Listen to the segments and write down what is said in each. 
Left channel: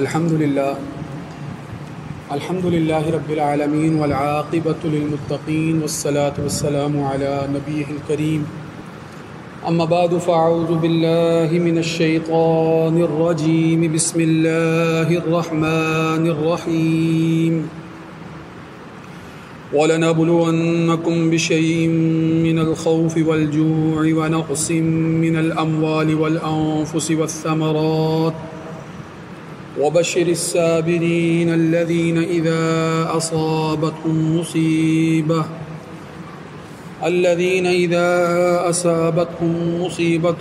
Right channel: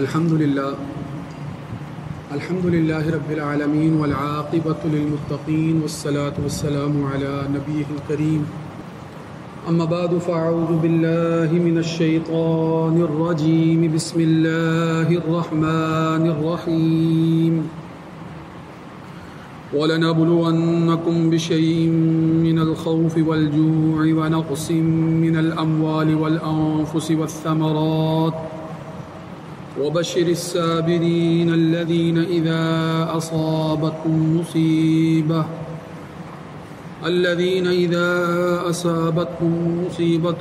الحمد للہ رب العالمین والعاقبۃ للمتقین والصلاة والسلام علی نبیہ الکریم اما بعد فاعوذ باللہ من الشیطان الرجیم بسم اللہ الرحمن الرحیم وَلَنَبْلُوَنَّكُمْ بِشَيْءٍ مِّنَ الْخَوْفِ وَالْجُوعِ وَنَقْصٍ مِّنَ الْأَمْوَالِ وَالْأَنفُسِ وَالثَّمَرَاتِ وَبَشِّرِ الصَّابِرِينَ الَّذِينَ إِذَا أَصَابَتْهُم مُّصِيبَةٌ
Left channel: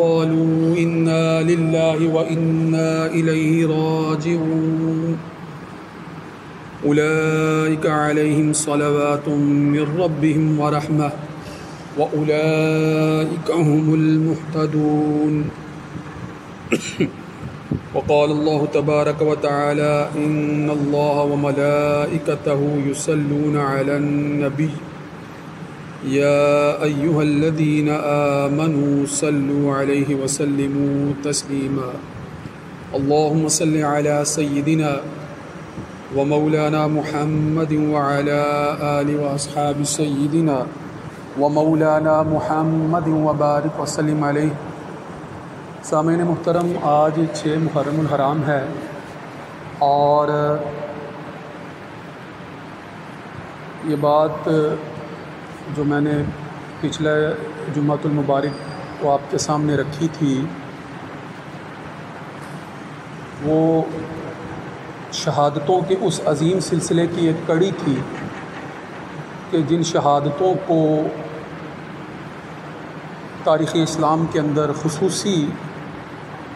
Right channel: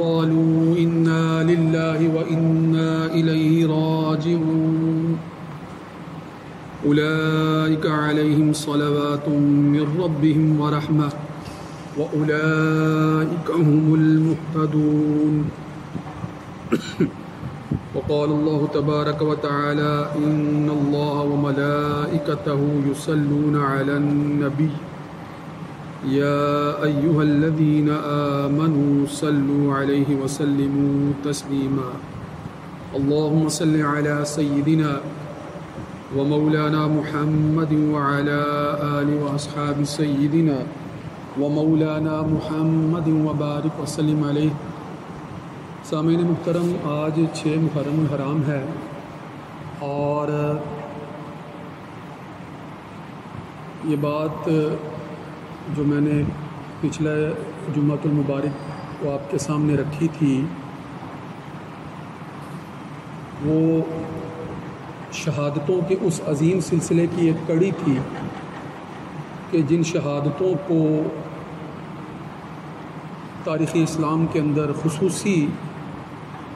قَالُوا إِنَّا لِلَّهِ وَإِنَّا إِلَيْهِ رَاجِعُونَ أولئك عليهم صلوات من ربهم ورحمة وأولئك هم المهتدون وقال الله تبارك وتعالى إن الله وملائكته يصلون على النبي يا أيها الذين آمنوا صلوا عليه وسلموا تسليما اللهم صل على سيدنا ومولانا محمد وعلى آل واصحاب سیدنا ومولانا محمد وبارک وسلم علیہ۔ سامعین محترم، آج 6 محرم الحرام ہے اور یہ بات جو میں نے پچھلے جمعۃ المبارک کو آپ کے سامنے رکھی تھی وہ شہادتوں کے اس عظیم سلسلے کی ایک کڑی تھی کہ جن شہادتوں کو تاریخ اسلام کے اندر خصوصی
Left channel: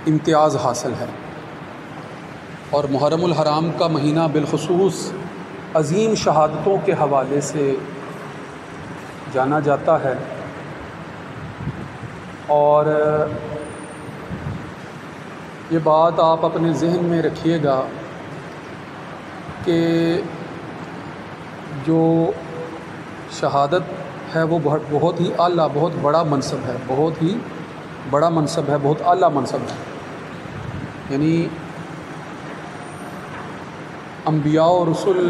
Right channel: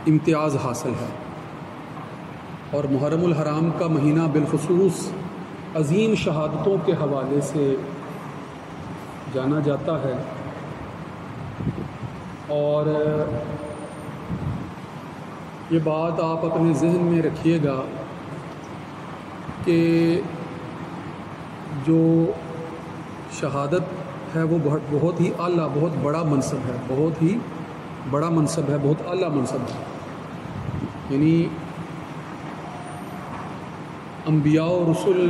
امتیاز حاصل ہے، اور محرم الحرام کا مہینہ بالخصوص عظیم شہادتوں کے حوالے سے جانا جاتا ہے۔ اور یہ بات آپ اپنے ذہن میں رکھیے گا کہ جو شہادت ہے وہ بہت ہی اعلیٰ، بہت بڑا منصب ہے، بہت ہی بڑا منصب ہے، بہت اعلیٰ منصب ہے۔ یعنی انبیاء و رسل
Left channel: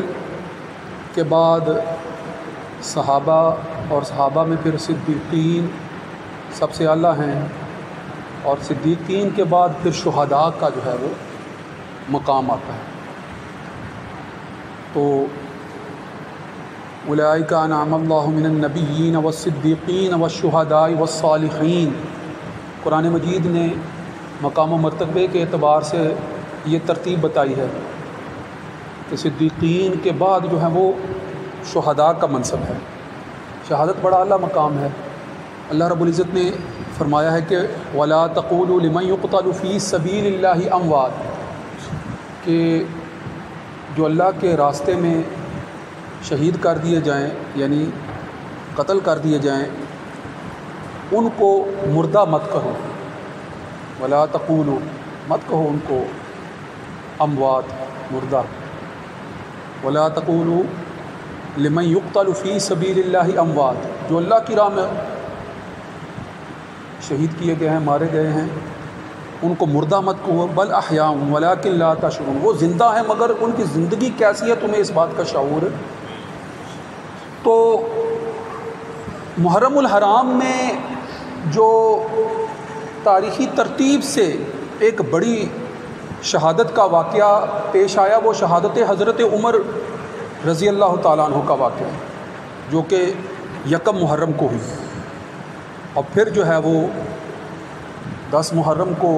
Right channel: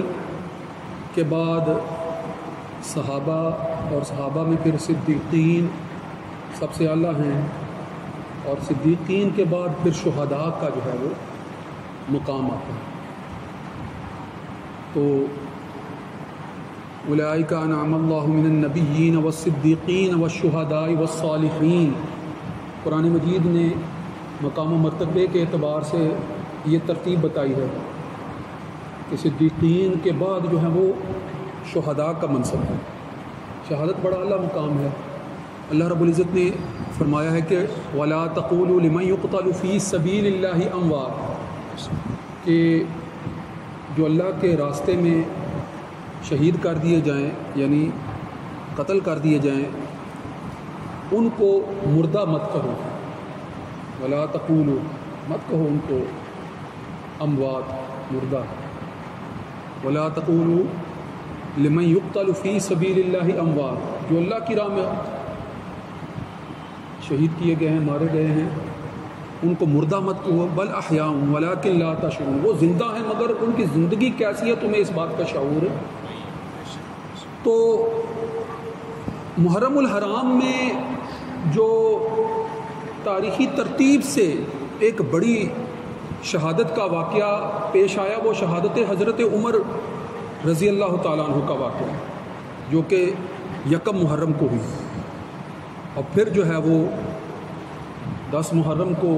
کے بعد صحابہ، اور صحابہ میں پھر صدیقین سب سے اعلیٰ ہیں، اور صدیقین کے بعد پھر شہداء کا جو ہے وہ مقام آتا ہے۔ تو اولئک انعم اللہ من النبیین والصدیقین والشہداء والصالحین، قرآن مجید نے مقام و مرتبے کے اعتبار سے یہ ترتیب بتائی ہے کہ صدیقین کے بعد جو ہے وہ شہداء کا منصب ہے۔ شہادت بڑا اعلیٰ مقام ہے۔ اللہ رب العزت نے فرمایا ہے کہ وَلَا تَقُولُوا لِمَن يُقْتَلُ فِي سَبِيلِ اللَّهِ أَمْوَاتٌ، کہ جو اللہ کے راستے میں شہید کر دیے جائیں، یعنی قتل کر دیے جائیں، ان کو مردہ مت کہو، ولا تقولوا، مت کہو ان کو اموات، مردہ، ولا تقولوا لمن يقتل في سبيل الله اموات، جو اللہ کی راہ میں شہید کیے گئے ہیں، مارے گئے ہیں، ان کو مردہ مت کہو، بل احیاء ولکن لا تشعرون، وہ زندہ ہیں مگر ان کی زندگی کیسی ہے تمہیں اس بات کا شعور ہے۔ تو محرم الحرام میں جو تاریخی ترتیب سے ایک بڑی شہادت کا واقعہ پیش آیا وہ شہادت حضرت عمر رضی اللہ تعالیٰ عنہ کا واقعہ، جو کہ 1 محرم کو ہوئی، اور پھر جو ہے وہ 10 محرم کو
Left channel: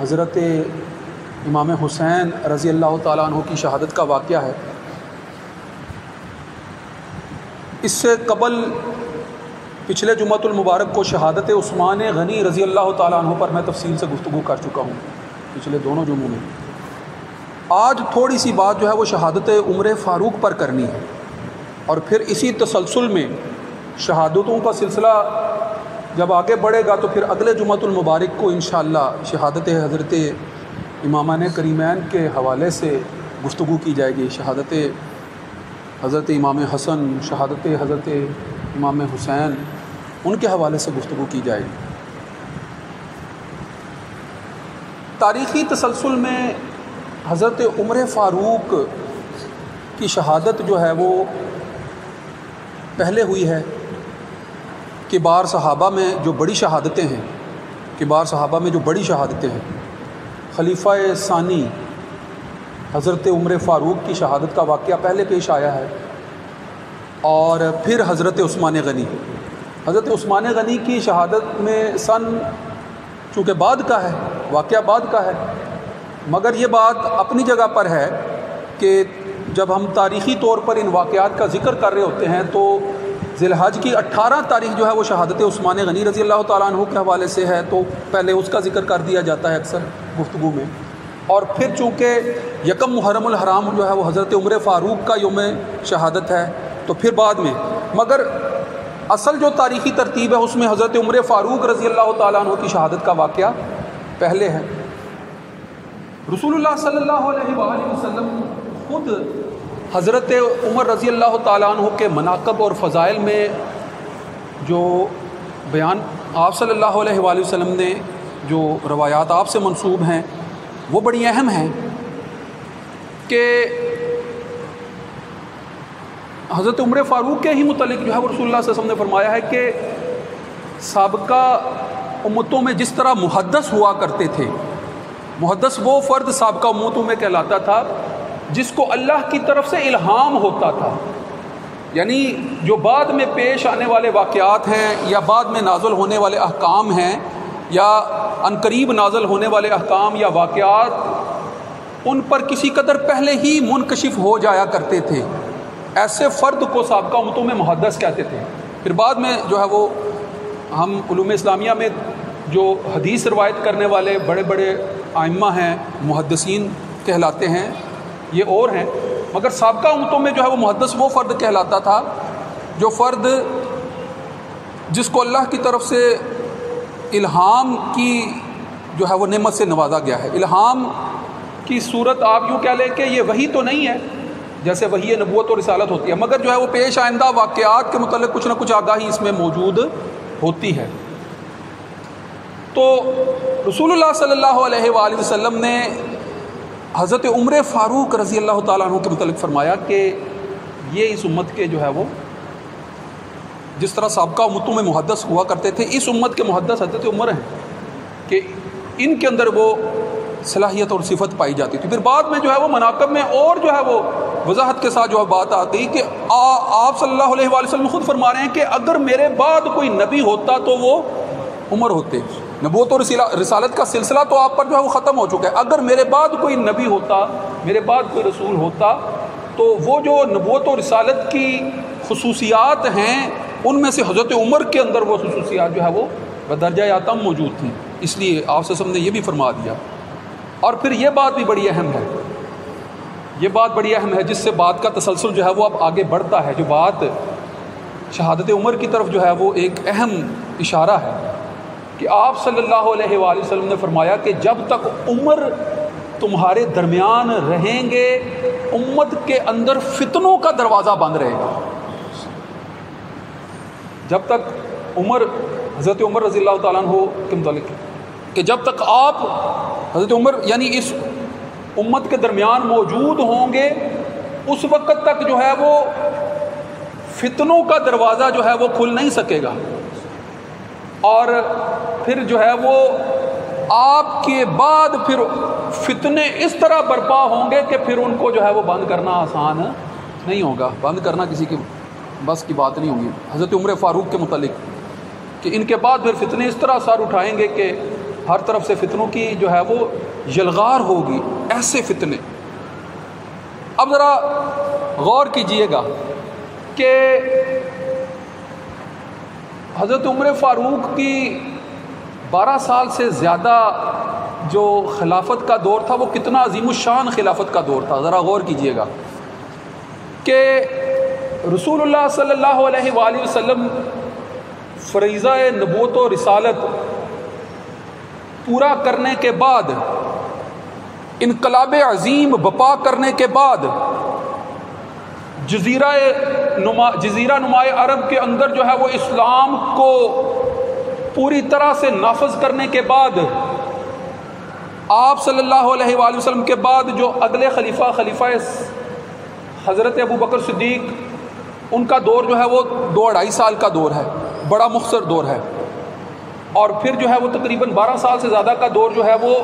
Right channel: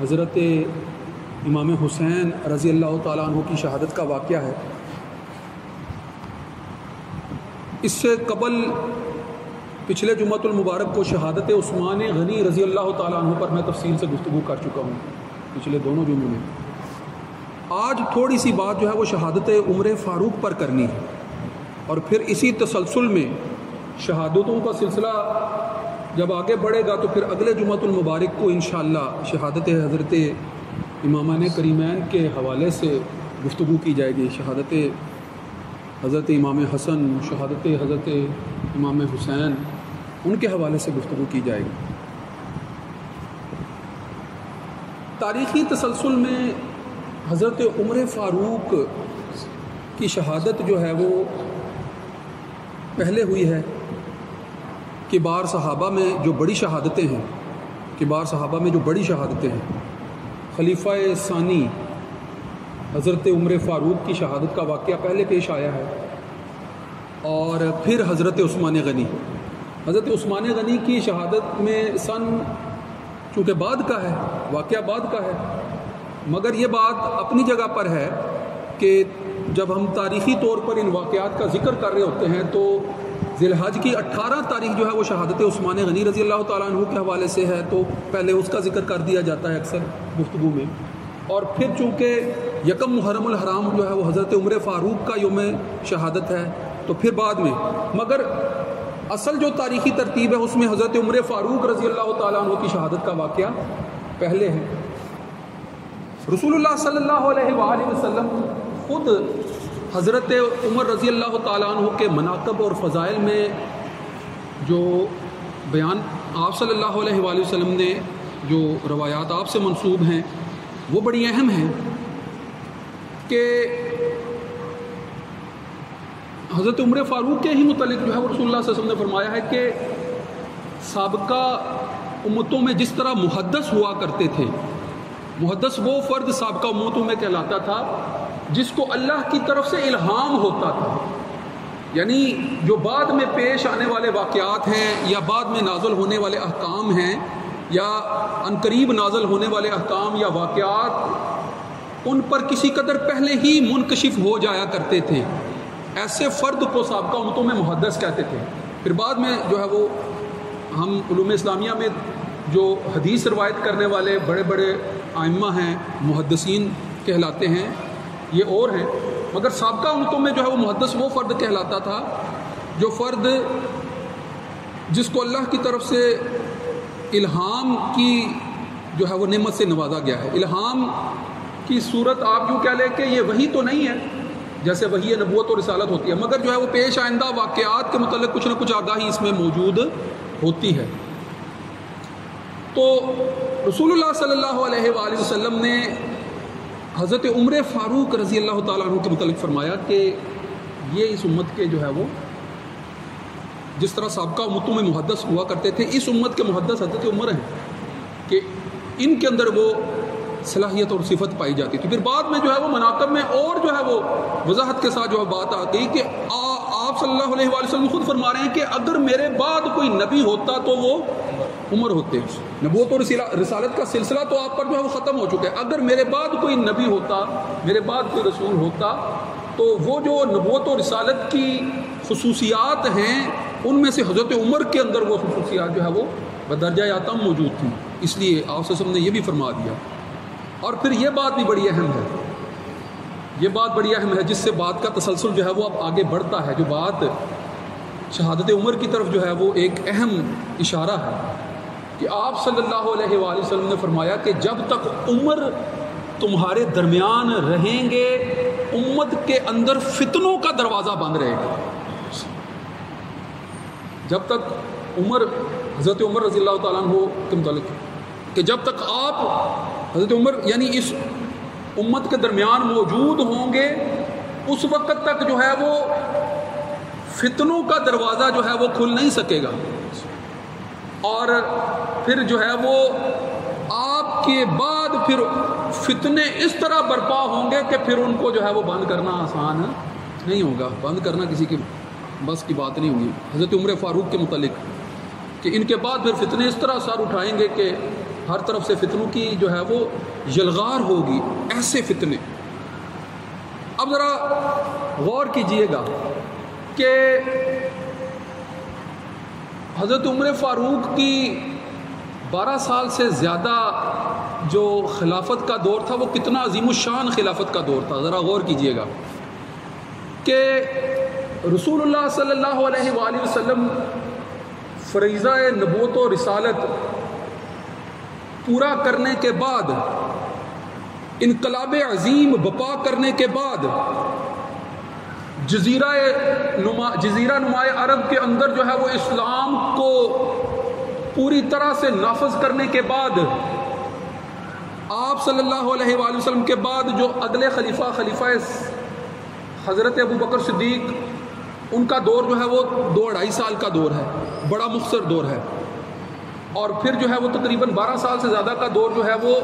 حضرت امام حسین رضی اللہ تعالیٰ عنہ کی شہادت کا واقعہ ہے۔ اس سے قبل پچھلے جمعۃ المبارک کو شہادت عثمان غنی رضی اللہ تعالیٰ عنہ پر میں تفصیل سے گفتگو کر چکا ہوں پچھلے دونوں جمعوں میں۔ آج تھوڑی سی بات جو ہے وہ شہادت عمر فاروق پر کرنی ہے، اور پھر اسی تسلسل میں شہادتوں کا سلسلہ جب آگے بڑھے گا تو پھر اگلے جمعۃ المبارک کو انشاءاللہ شہادت حضرت امامان کریمین کے حوالے سے گفتگو کی جائے گی۔ شہادت حضرت امام حسن، شہادت حضرت امام حسین، ان کے حوالے سے گفتگو کی جائے گی۔ تاریخی تسلسل میں حضرت عمر فاروق کی شہادت جو ہے وہ پہلے ہوئی ہے کبار صحابہ میں جو بڑی شہادتیں ہیں، کبار صحابہ میں جو بڑی شہادتیں ہیں، خلیفہ ثانی حضرت عمر فاروق کی شہادت کا واقعہ پہلے پیش آیا ہے، اور پھر حضرت عثمان غنی، حضرت عثمان غنی کی شہادت میں سن چونکہ بعد کا ہے، واقعہ بعد کا ہے، مگر یہ بات اپنی جگہ پر ہے کہ جب ہم تاریخی طور پر ان واقعات کا ذکر کر رہے ہوتے ہیں تو ذی الحج کی 18 تاریخ جو ہے وہ شہادت عثمان غنی رضی اللہ تعالیٰ عنہ کے حوالے سے ہے، تو پہلے اس کا ذکر کر دیا جاتا ہے اکثر گفتگو میں، اور پھر چونکہ یکم محرم الحرام جو ہے وہ حضرت عمر فاروق کا یوم شہادت ہے تو پھر بعد میں، مگر اصل جو تاریخی ترتیب ہے اس میں حضرت عمر فاروق رضی اللہ تعالیٰ عنہ کی شہادت کا واقعہ پہلے ہے۔ رسول اللہ صلی اللہ علیہ وآلہ وسلم خود حضرت عمر رضی اللہ تعالیٰ عنہ کے مناقب اور فضائل میں جو بیان آپ صلی اللہ علیہ وآلہ وسلم نے جو روایات آپ سے منسوب ہیں وہ بڑی اہم ہیں کہ حضرت عمر فاروق کے ہی متعلق جو ہے وہ رسول اللہ صلی اللہ علیہ وسلم نے فرمایا ہے کہ سابقہ امتوں میں جس طرح محدث ہوا کرتے تھے، محدث وہ فرد سابقہ امتوں میں کہلاتا تھا جس کو اللہ کی طرف سے الہام ہوتا تھا، یعنی جو بعد میں پیش آنے والے واقعات ہیں یا بعد میں نازل ہونے والے احکام ہیں یا عنقریب نازل ہونے والے احکام یا واقعات ان پر کسی قدر پہلے ہی منکشف ہو جایا کرتے تھے، ایسے فرد کو سابقہ امتوں میں محدث کہتے تھے۔ پھر بعد میں جو ہے وہ ہم علوم اسلامیہ میں جو حدیث روایت کرنے والے بڑے بڑے ائمہ ہیں محدثین کہلاتے ہیں، یہ اور ہیں، مگر سابقہ امتوں میں جو ہے وہ محدث وہ فرد کہلاتا تھا جو فرد جس کو اللہ کی طرف سے الہام کی جو ہے وہ نعمت سے نوازا گیا ہے۔ الہام کی صورت آپ یوں کہہ لیں کہ یہ وحی تو نہیں ہے جیسے وحی نبوت اور رسالت ہوتی ہے، مگر جو ہے وہ پیش آئندہ واقعات کے متعلق کچھ نہ کچھ آگاہی اس میں موجود ہوتی ہے۔ تو رسول اللہ صلی اللہ علیہ وآلہ وسلم نے حضرت عمر فاروق رضی اللہ تعالیٰ عنہ کے متعلق فرمایا کہ یہ اس امت کے جو ہے وہ جس طرح سابقہ امتوں میں محدث ہوا کرتے تھے، اس امت کے محدث حضرت عمر ہیں کہ ان کے اندر وہ صلاحیت اور صفت پائی جاتی تھی۔ پھر بعد میں جو ہے وہ مناقب میں اور جو ہے وہ وضاحت کے ساتھ جو ہے بات آ گئی کہ آپ صلی اللہ علیہ وآلہ وسلم خود فرما رہے ہیں کہ اگر میرے بعد کوئی نبی ہوتا تو وہ عمر ہوتے۔ نبوت اور رسالت کا سلسلہ تو آپ پر جو ہے وہ ختم ہو چکا ہے، اگر میرے بعد کوئی نبی ہوتا، میرے بعد کوئی رسول ہوتا تو وہ جو نبوت اور رسالت کی خصوصیات ہیں ان میں سے حضرت عمر کے اندر وہ خصوصیات جو ہے وہ بدرجہ آتم موجود تھیں، اس لیے آپ صلی اللہ علیہ وسلم نے یہ بھی فرما دیا۔ اور پھر یہ بات بھی بڑی اہم ہے، یہ بات بڑی اہم ہے جس سے بات کا تسلسل جو ہے وہ اب آگے بڑھتا ہے، جو بات شہادت عمر کی طرف جو ہے وہ ایک اہم اشارہ ہے کہ آپ صلی اللہ علیہ وآلہ وسلم نے فرمایا کہ جب تک عمر تمہارے درمیان رہیں گے امت کے اندر فتنوں کا دروازہ بند رہے گا۔ جب تک عمر، حضرت عمر رضی اللہ تعالیٰ عنہ کے متعلق کہ جب تک آپ حضرت عمر یعنی اس امت کے درمیان موجود ہوں گے اس وقت تک جو ہے وہ فتنوں کا دروازہ جو ہے وہ کھل نہیں سکے گا، اور پھر جو ہے وہ آپ کے بعد پھر فتنے اس طرح برپا ہوں گے کہ پھر ان کو جو ہے وہ بند کرنا آسان نہیں ہوگا، بند کرنا کسی کی بس کی بات نہیں ہوگی۔ حضرت عمر فاروق کے متعلق کہ ان کے بعد پھر فتنے اس طرح سر اٹھائیں گے کہ ہر طرف سے فتنوں کی جو ہے وہ یلغار ہوگی، ایسے فتنے۔ اب ذرا غور کیجئے گا کہ حضرت عمر فاروق کی 12 سال سے زیادہ جو خلافت کا دور تھا وہ کتنا عظیم الشان خلافت کا دور تھا، ذرا غور کیجئے گا کہ رسول اللہ صلی اللہ علیہ وآلہ وسلم فریضہ نبوت و رسالت پورا کرنے کے بعد، انقلاب عظیم بپا کرنے کے بعد، جزیرہ نمائے عرب کے اندر جو ہے وہ اسلام کو پوری طرح سے نافذ کرنے کے بعد آپ صلی اللہ علیہ وآلہ وسلم کے بعد جو اگلے خلیفہ حضرت ابو بکر صدیق، ان کا دور جو ہے وہ 2-2.5 سال کا دور ہے، بڑا مختصر دور ہے. اور پھر جو ہے وہ تقریباً 12 سال سے زیادہ کا دور جو ہے وہ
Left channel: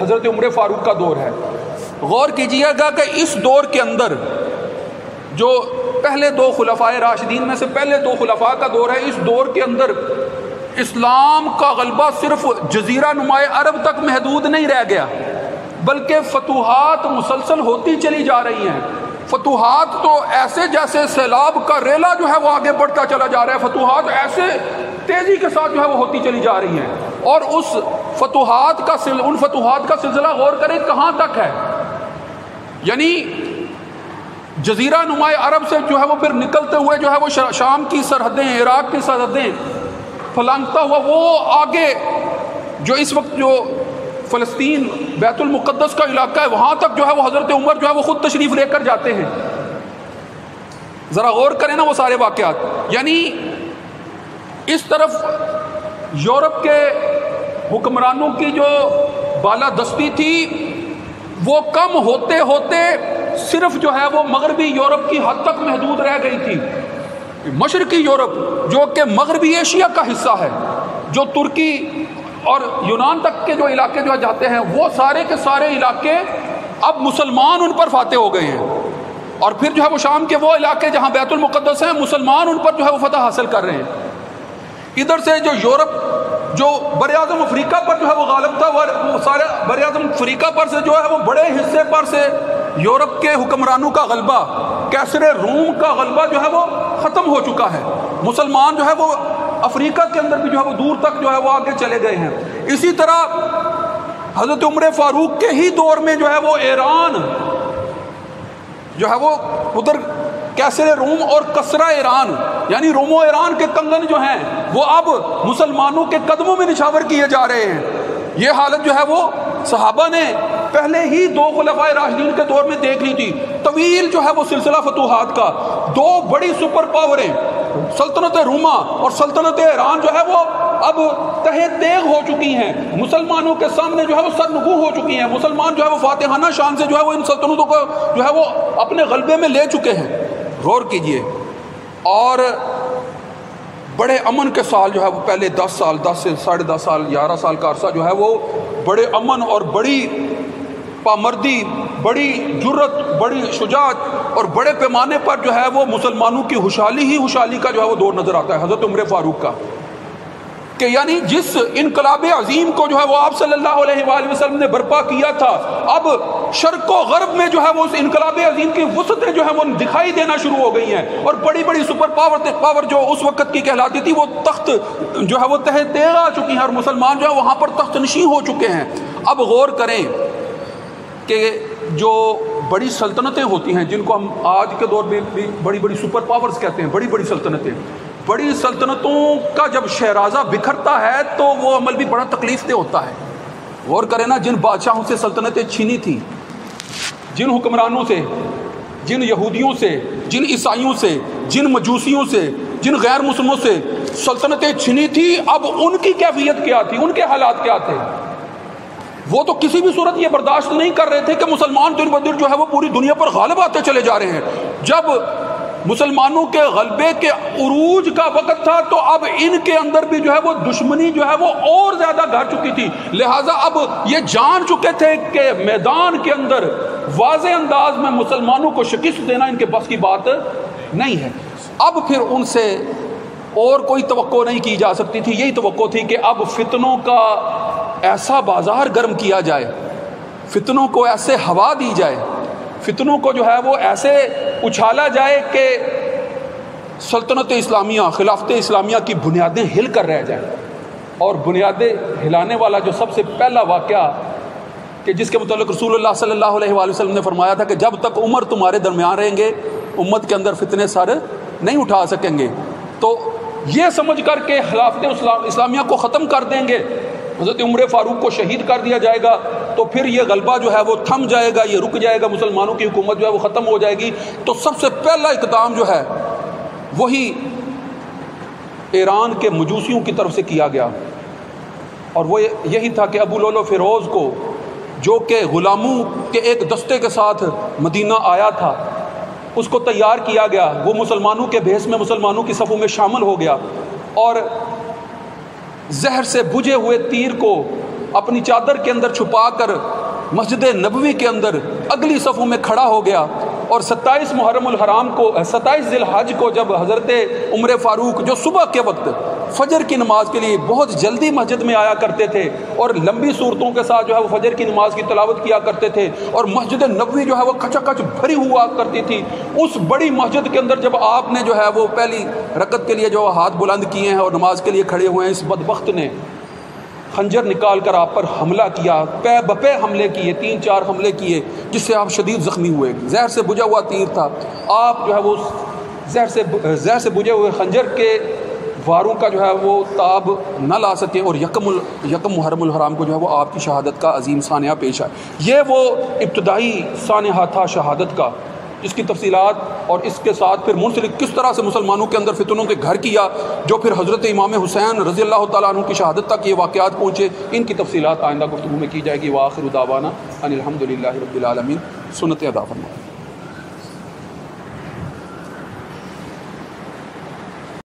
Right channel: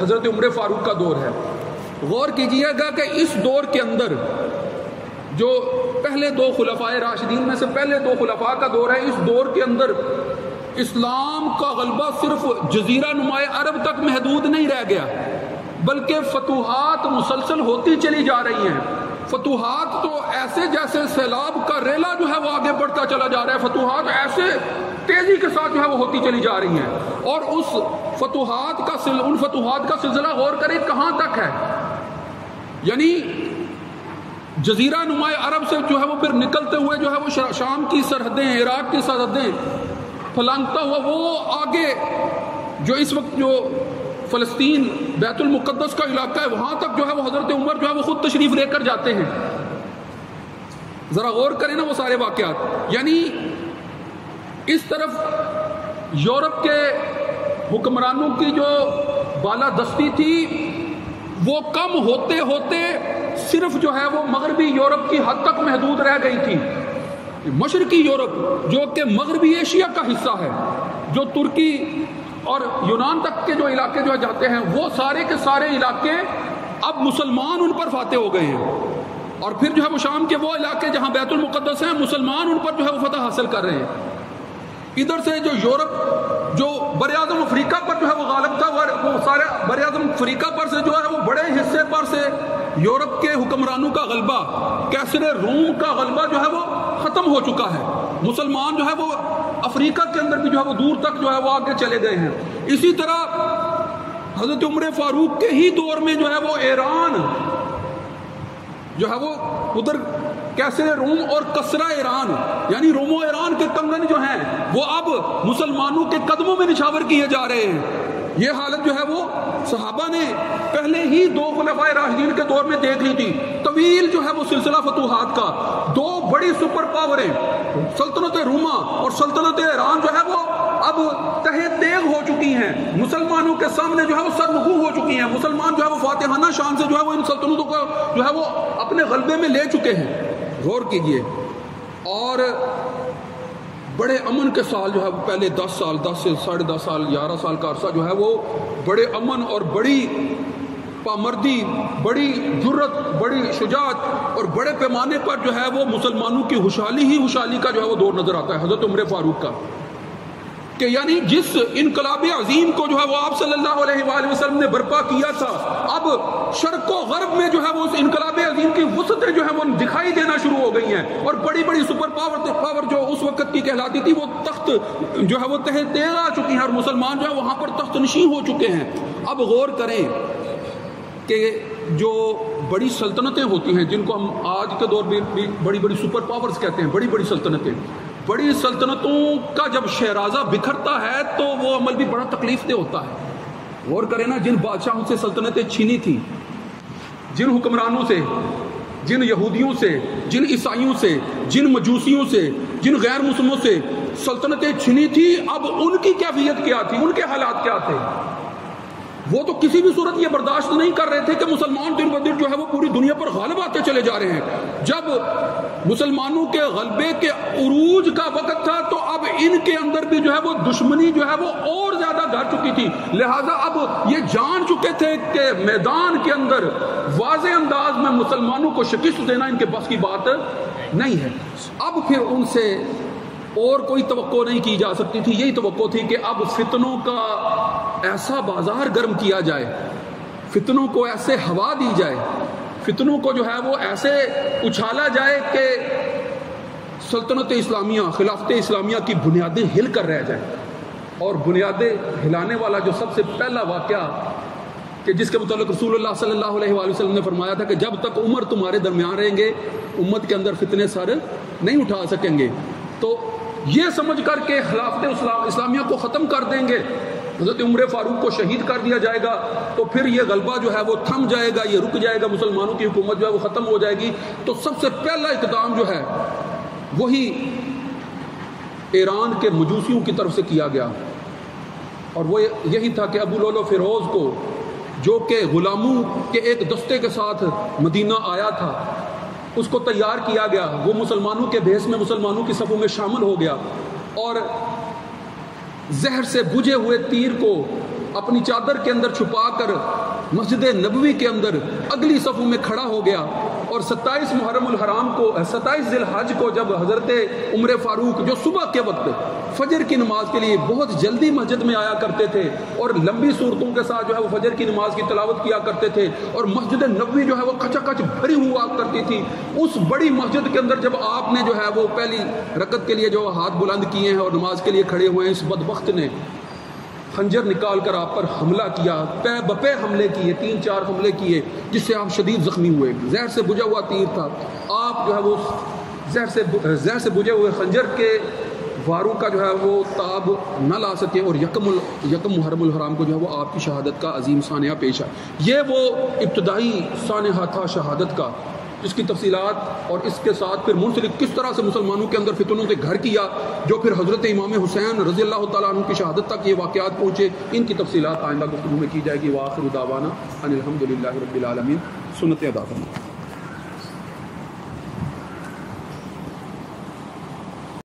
حضرت عمر فاروق کا دور ہے. غور کیجئے گا کہ اس دور کے اندر جو پہلے 2 خلفائے راشدین میں سے پہلے 2 خلفاء کا دور ہے، اس دور کے اندر اسلام کا غلبہ صرف جزیرہ نما عرب تک محدود نہیں رہ گیا، بلکہ فتوحات مسلسل ہوتی چلی جا رہی ہیں. فتوحات تو ایسے جیسے سیلاب کا ریلا جو ہے وہ آگے بڑھتا چلا جا رہا ہے، فتوحات ایسے تیزی کے ساتھ جو ہے وہ ہوتی چلی جا رہی ہیں. اور ان فتوحات کا سلسلہ غور کریں کہاں تک ہے. یعنی جزیرہ نما عرب سے جو ہے وہ پھر نکلتے ہوئے جو ہے وہ شام کی سرحدیں، عراق کی سرحدیں پھلانگتا ہوا وہ آگے جو اس وقت جو فلسطین بیت المقدس کا علاقہ ہے وہاں تک جو ہے وہ حضرت عمر جو ہے وہ خود تشریف لے کر جاتے ہیں. ذرا غور کریں نا وہ سارے واقعات. یعنی اس طرف یورپ کے حکمرانوں کی جو بالادستی تھی وہ کم ہوتے ہوتے صرف جو ہے وہ مغربی یورپ کی حد تک محدود رہ گئی تھی. مشرقی یورپ جو کہ مغربی ایشیا کا حصہ ہے، جو ترکی اور یونان تک کے جو علاقے جو جاتے ہیں، وہ سارے کے سارے علاقے اب مسلمان ان پر فاتح ہو گئے ہیں. اور پھر جو ہے وہ شام کے وہ علاقے جہاں بیت المقدس ہیں، مسلمان ان پر جو ہے وہ فتح حاصل کر رہے ہیں. ادھر سے جو یورپ جو بر اعظم افریقہ پر جو ہے وہ غالب تھا، وہ سارے بر اعظم افریقہ پر سے جو ہے وہ بڑے حصے پر سے یورپ کے حکمرانوں کا غلبہ، کیسر روم کا غلبہ جو ہے وہ ختم ہو چکا ہے. مسلمان جو ہے وہ افریقہ کے اندر بھی جو ہے وہ دور تک جو ہے وہ آگے چلے گئے ہیں. اسی طرح حضرت عمر فاروق کے ہی دور میں جو ہے وہ ایران جو ہے وہ ادھر کیسر روم اور کسرا ایران، یعنی روم و ایران کے کنگن جو ہیں وہ اب مسلمانوں کے قدموں میں نچھاور کیے جا رہے ہیں. یہ حالت جو ہے وہ صحابہ نے پہلے ہی 2 خلفائے راشدین کے دور میں دیکھ لی تھی. طویل جو ہے وہ سلسلہ فتوحات کا، 2 بڑی سپر پاوریں سلطنت روما اور سلطنت ایران جو ہے وہ اب تہہ تیغ ہو چکی ہیں، مسلمانوں کے سامنے جو ہے وہ سرنگو ہو چکی ہیں. مسلمان جو ہے وہ فاتحانہ شان سے جو ہے وہ ان سلطنتوں کو جو ہے وہ اپنے غلبے میں لے چکے ہیں. غور کیجئے. اور بڑے امن کے سال جو ہے وہ پہلے 10 سال 10 سے 10.5 سال 11 سال کا عرصہ جو ہے وہ بڑے امن اور بڑی پامردی، بڑی جرت، بڑی شجاعت اور بڑے پیمانے پر جو ہے وہ مسلمانوں کی خوشحالی کا جو ہے وہ دور نظر آتا ہے حضرت عمر فاروق کا. کہ یعنی جس انقلاب عظیم کو جو ہے وہ آپ صلی اللہ علیہ وآلہ وسلم نے برپا کیا تھا، اب شرق و غرب میں جو ہے وہ اس انقلاب عظیم کی وسعتیں جو ہے وہ دکھائی دینا شروع ہو گئی ہیں. اور بڑی بڑی سپر پاور جو اس وقت کی کہلاتی تھی وہ تخت جو ہے وہ تہہ تیغ آ چکی ہیں اور مسلمان جو ہے وہاں پر تخت نشین ہو چکے ہیں. اب غور کریں کہ جو بڑی سلطنتیں ہوتی ہیں جن کو ہم آج کے دور میں بھی بڑی بڑی سپر پاورز کہتے ہیں، بڑی بڑی سلطنتیں، بڑی سلطنتوں کا جب شہرازہ بکھرتا ہے تو وہ عمل بھی بڑا تکلیف دہ ہوتا ہے. غور کریں نا، جن بادشاہوں سے سلطنتیں چھینی تھی، جن حکمرانوں سے، جن یہودیوں سے، جن عیسائیوں سے، جن مجوسیوں سے، جن غیر مسلموں سے سلطنتیں چھینی تھی، اب ان کی کیفیت کیا تھی، ان کے حالات کیا تھے. وہ تو کسی بھی صورت یہ برداشت نہیں کر رہے تھے کہ مسلمان دن بدن جو ہے وہ پوری دنیا پر غالب آتے چلے جا رہے ہیں. جب مسلمانوں کے غلبے کے عروج کا وقت تھا تو اب ان کے اندر بھی جو ہے وہ دشمنی جو ہے وہ اور زیادہ گھر چکی تھی. لہٰذا اب یہ جان چکے تھے کہ میدان کے اندر واضح انداز میں مسلمانوں کو شکست دینا ان کے بس کی بات نہیں ہے. اب پھر ان سے اور کوئی توقع نہیں کی جا سکتی تھی. یہی توقع تھی کہ اب فتنوں کا ایسا بازار گرم کیا جائے، فتنوں کو ایسے ہوا دی جائے، فتنوں کو جو ہے وہ ایسے اچھالا جائے کہ سلطنت اسلامیہ، خلافت اسلامیہ کی بنیادیں ہل کر رہ جائیں. اور بنیادیں ہلانے والا جو سب سے پہلا واقعہ کہ جس کے متعلق رسول اللہ صلی اللہ علیہ وآلہ وسلم نے فرمایا تھا کہ جب تک عمر تمہارے درمیان رہیں گے امت کے اندر فتنے سر نہیں اٹھا سکیں گے. تو یہ سمجھ کر کے خلافت اسلامیہ کو ختم کر دیں گے، حضرت عمر فاروق کو شہید کر دیا جائے گا تو پھر یہ غلبہ جو ہے وہ تھم جائے گا، یہ رک جائے گا، مسلمانوں کی حکومت جو ہے وہ ختم ہو جائے گی. تو سب سے پہلا اقدام جو ہے وہی ایران کے مجوسیوں کی طرف سے کیا گیا، اور وہ یہی تھا کہ ابو لولو فیروز کو جو کہ غلاموں کے ایک دستے کے ساتھ مدینہ آیا تھا، اس کو تیار کیا گیا، وہ مسلمانوں کے بھیس میں مسلمانوں کی صفوں میں شامل ہو گیا اور زہر سے بجھے ہوئے تیر کو اپنی چادر کے اندر چھپا کر مسجد نبوی کے اندر اگلی صفوں میں کھڑا ہو گیا۔ اور 27 محرم الحرام کو، 27 ذی الحج کو جب حضرت عمر فاروق جو صبح کے وقت فجر کی نماز کے لیے بہت جلدی مسجد میں آیا کرتے تھے اور لمبی صورتوں کے ساتھ جو ہے وہ فجر کی نماز کی تلاوت کیا کرتے تھے، اور مسجد نبوی جو ہے وہ کھچا کھچ بھری ہوا کرتی تھی، اس بڑی مسجد کے اندر جب آپ نے جو ہے وہ پہلی رکعت کے لیے جو ہاتھ بلند کیے ہیں اور نماز کے لیے کھڑے ہوئے ہیں، اس بدبخت نے خنجر نکال کر آپ پر حملہ کیا، پے بپے حملے کیے، 3-4 حملے کیے، جس سے آپ شدید زخمی ہوئے۔ زہر سے بجھا ہوا تیر تھا، آپ جو ہے وہ زہر سے بجھے ہوئے خنجر کے واروں کا جو ہے وہ تاب نہ لا سکے، اور یکم محرم الحرام کو جو ہے وہ آپ کی شہادت کا عظیم سانحہ پیش ہے۔ یہ وہ ابتدائی سانحہ تھا شہادت کا، جس کی تفصیلات اور اس کے ساتھ پھر منسلک کس طرح سے مسلمانوں کے اندر فتنوں کے گھر کیا، جو پھر حضرت امام حسین رضی اللہ تعالیٰ عنہ کی شہادت تک یہ واقعات پہنچے، ان کی تفصیلات آئندہ گفتگو میں کی جائے گی۔ وآخر دعوانا ان الحمد للہ رب العالمین۔ سنت ادا فرمائیں۔